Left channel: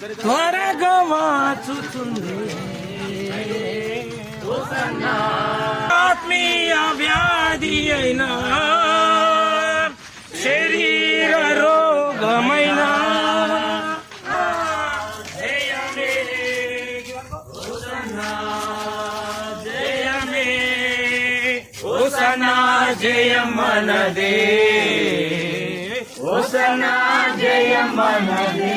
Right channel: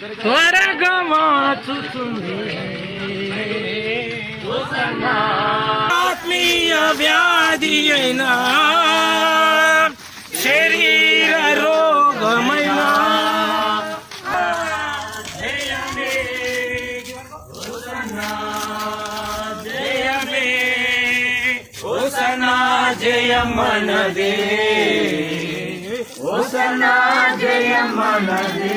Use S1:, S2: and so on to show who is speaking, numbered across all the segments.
S1: త్వరగా వాచుతుంది ఆత్మీయ వ్యాధి అయినా శరీర రోగమైన జయమే హోసన్నా, జయమే హోసన్నా జయమనదే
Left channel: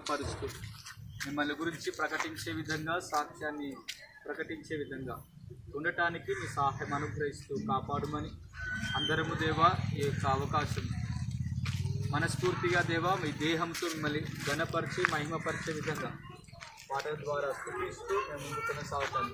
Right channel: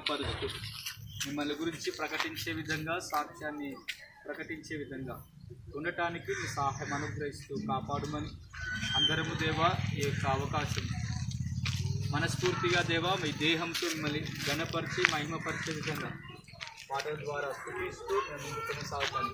S2: మహిమపరుస్తూ మిమ్మల్ని గురించి ప్రకటించే విధంగా సాక్ష్యాన్ని ప్రకటించే విధంగా ఉండటానికి మీ సహాయం అనుగ్రహిస్తూ కాపాడమని అందరము దేవా ఈ యొక్క అవకాశం. మనస్ఫూర్తిగా దేవా మీ దేహంతో మిమ్మల్ని గణపరిచి మహిమపరిచే విధంగా పాటల ద్వారా స్థుతిస్తూ మేము ముందు కొనసాగుతాను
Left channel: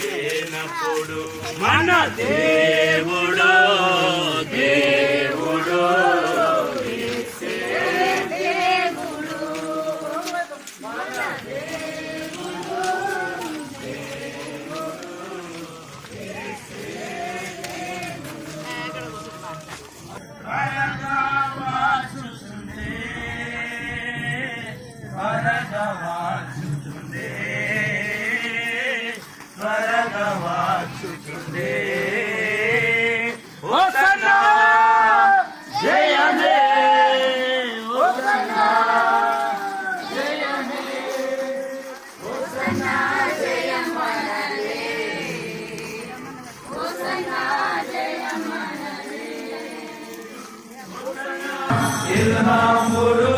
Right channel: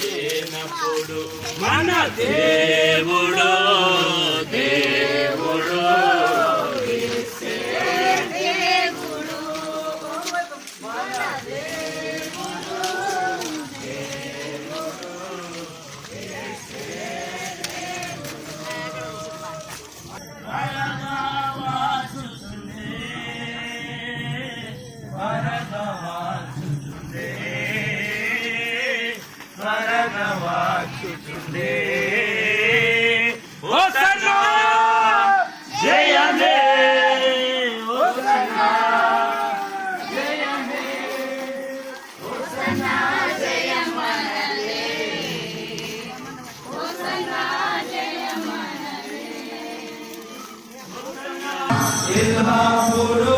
S1: లేనప్పుడు మన దేవుడు జయమే! హోసన్నా ఎల్లప్పుడూ